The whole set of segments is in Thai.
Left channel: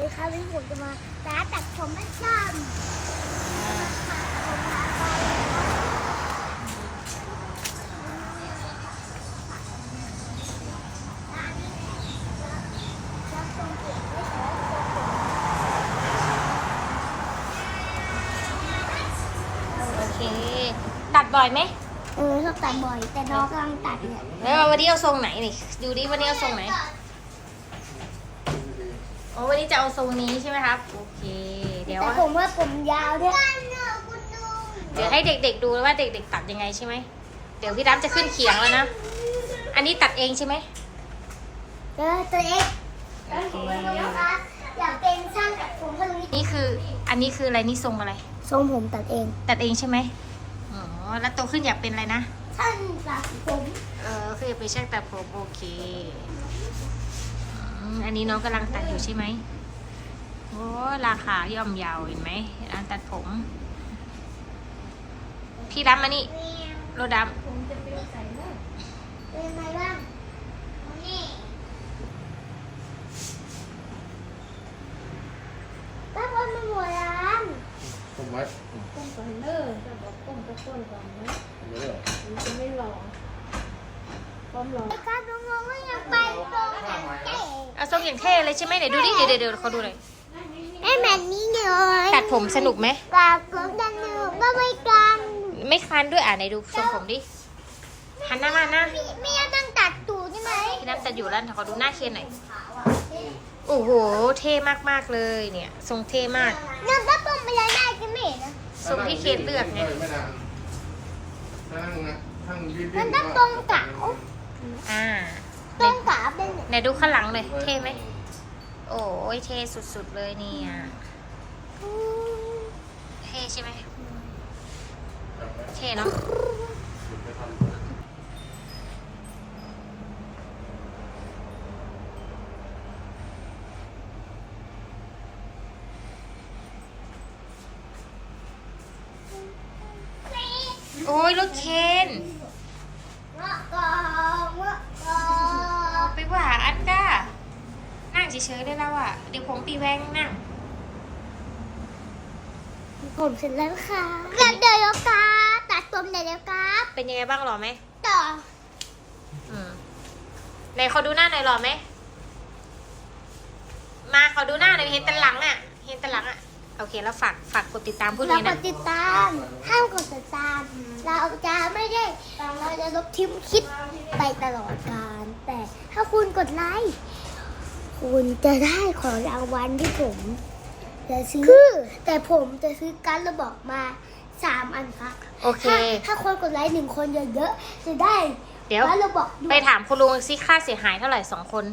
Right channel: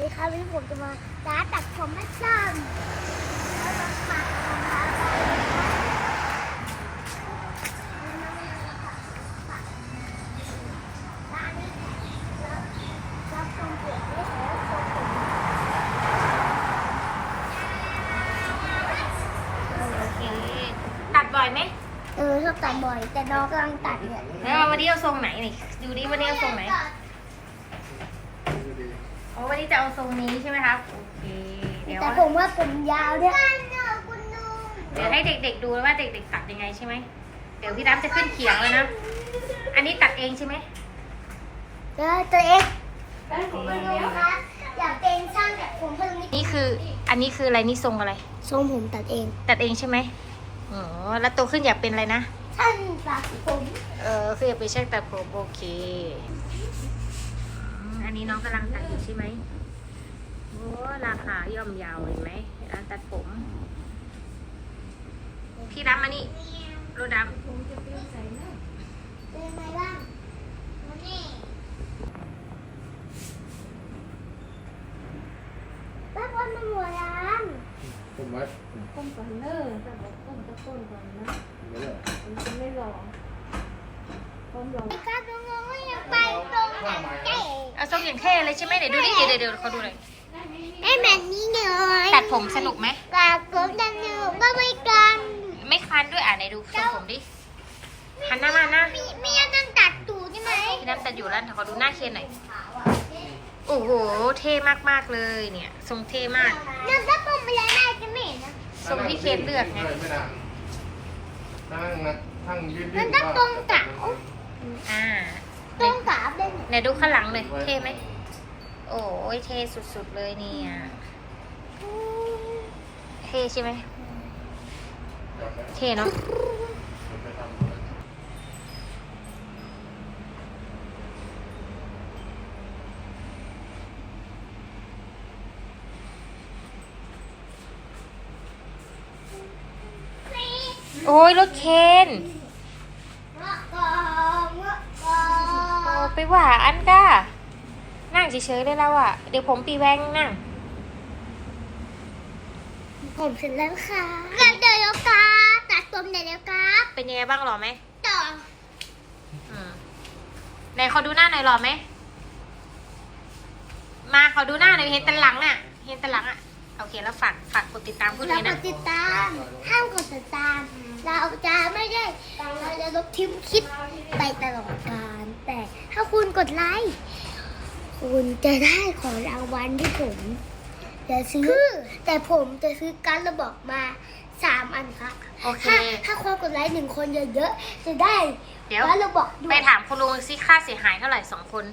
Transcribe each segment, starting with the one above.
สวัสดีครับวันนี้ผมจะมาร้านตัดผมไม่สั้นแล้วมาปัดผมพาไปนะคะร้านนี้รับรับทรงเปลี่ยนไม่ใช่รับทรงผมโอเค ตัดบ่อยไหมเออชอบตัดบ่อย แต่น้องกำลังตัดเนี่ยแล้ววันนี้เอาทรงไหนนี่ดูดิวันนี้เอาทรงไหนโอ้วันนี้จะเอาทรงนี้ใช่ไหมครับ โอเค เดี๋ยวแต่ผมว่าผมยาวเนี่ยเดี๋ยวให้เด็กๆดูว่าเด็ก ๆ ตัดยังไงใช่ไหม เดี๋ยวพี่ดับจะขึ้นเขียงแล้วนะ อันนี้ตัดเองใช่ไหมเออตัวเองผมไม่รู้ครับอยากเป็นช่างตัดผมเพิ่งนี้นี่คือ อันนี้คืออะไรนี่ทรงอะไร ทรงผมตัดเอง ตัดเองใช่ไหมอ๋อ แล้วโตขึ้นอยากเป็นอะไรนะช่างตัดผม เออคืออยากเป็นช่างตัดผมโอเคอื มอันนี้น้องกำลังตัดอยู่ใช่ไหมโอ้ราคาย่อมเยาวเห็นไหมร้านตัดผม พี่ดำมานี่รถดเป็นไงบ้างนี่ตั้งวันมาหมดแล้วผมว่าผมก้มก่อนเนอะแต่บอกก้มก็ก้นก่อนนะ ไม่เหรอ มันจะไม่หลอก ก้มหลอกการน้องๆก็ยังไปตรงไหนเจ๊ำเอาทรงอย่างเท่เลยใช่ไหมเดี๋ยวดูดิเดี๋ยวเดี๋ยวเดี๋ยวเขาดูหน่อยให้แบบนี้หน่อยตัดผมสนุกไหมตัดผมดันหนึ่งก็ไม่กัน ไม่คันด้วยอะไหนดูทรงผมดิหันหน้ามาหน้าพี่ไม่ยังนั่งตัดตูดใช่ไหมพี่ดำตัดอยู่แล้วขอดูหน้าเคนหน่อยโอ้โห เท่มากๆเลยเนี่ย ทรงเท่มากนั่งตัดผมไปเลยได้จะไม่เห็นนะทรงที่เคนเลือกไงไม่นานนั่งนะนั่งยืดมันต้องตรงเก๋า อ่าตรงเก๋าเป็นไงไหนดูข้างหลังเลยเท่ไหม โอ้ยเท่สุดๆเลยเนี่ย เท่ใช่ไหมเท่เนาะโอ้ยรถเคน ไปว่าอันก้านั่งเฉยๆเลยเราอะเดี๋ยวผมปีแวงนั่ง ผมเสร็จแล้วค่ะเดี๋ยวแล้วครับตัดผมเดี๋ยวแล้วครับเป็นยังไงบ้างหรอไหมต่ออืมไหนขอดูหน้าหน่อยหรอไหม มาขอดูหน้าหน่อยเห็นแต่หลังอะเห็นแต่หลังอะ โอเคแล้วฝากฝากกดติดตามพูดเราเลยกนะ ดติดตามห้ามกดติดตาม เราจะไม่ได้เราจะลบคลิปคลิปไปตลอดกาลแต่ถ้าคุณกดไลค์คุณจะได้ของรางวัลที่ผมจะซื้อ แต่ผมจะซื้อการดระบอกมาสามอันครับโอเค ถ้าถ้าคนกดไลค์หนึ่งคนเยอะๆจะได้เดี๋ยว การดระบอกด้วไปยถามคุณลุงซิค่าเสียหายเท่าไหร่สองคน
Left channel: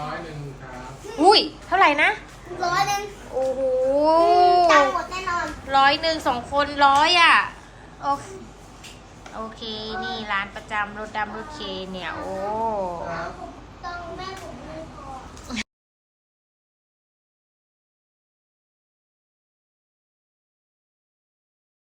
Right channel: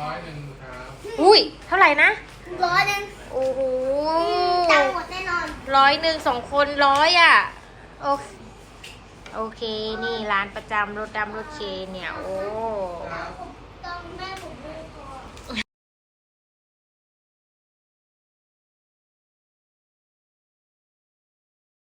ร้อยหนึ่งครับ อุ้ย เท่าไหร่นะ ร้อยหนึ่ง โอ้โหตังค์หมดแน่นอน ร้อยหนึ่งสองคนร้อยอะ โอเคโอเค นี่ร้านประจำรถดำรถเคเนี่ย โอ้